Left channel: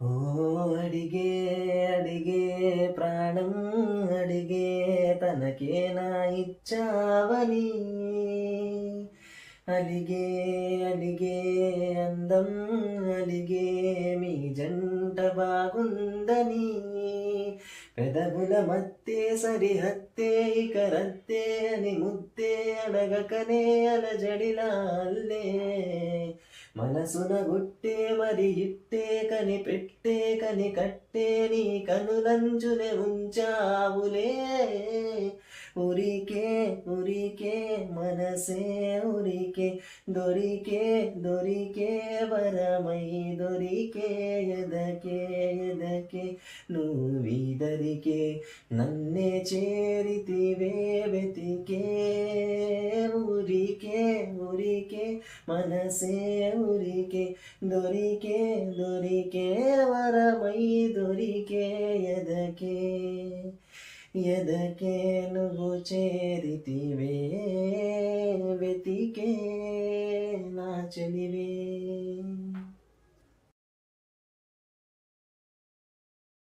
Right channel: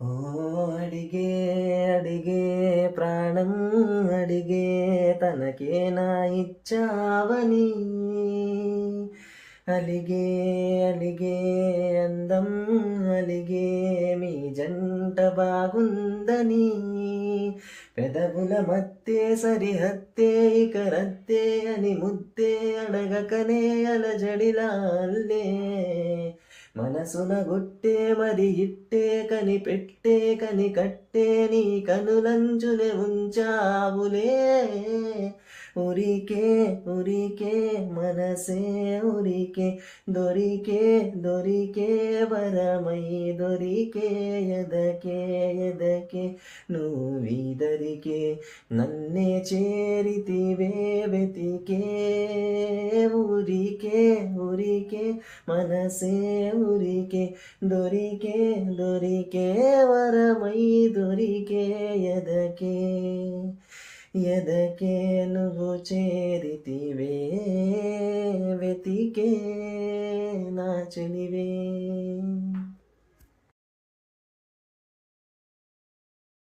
ఓ అడిగే అడిగే ప్రాణం అడిగే తనకే నా ఇచ్చావని అలిగే అలిగే అందం అలిగే మీ జంట బాగుందని పెదవుల మత్తే సరిహత్తే ఇక రత్తే అని ముద్దే అడగకనే అలజడిలా అల్లే మనసున గుట్టే మరి ఇట్టే కనిపెట్టే కట్టే నీ కనులంచునే ఉంచావులే ఉరికే ఉరికే మనసే ఉరికే దొరికే దొరికే వరమై దొరికే ఎదకే ఎదకే నువ్వీదరికే నన్నే చేరితివే వెతికే ఊరికే ఊరికే మనసే ఊరికే దొరికే దొరికే వరమై దొరికే ఎదకే ఎదకే నువ్వు చేరితివే వెతికే నా చెలివే.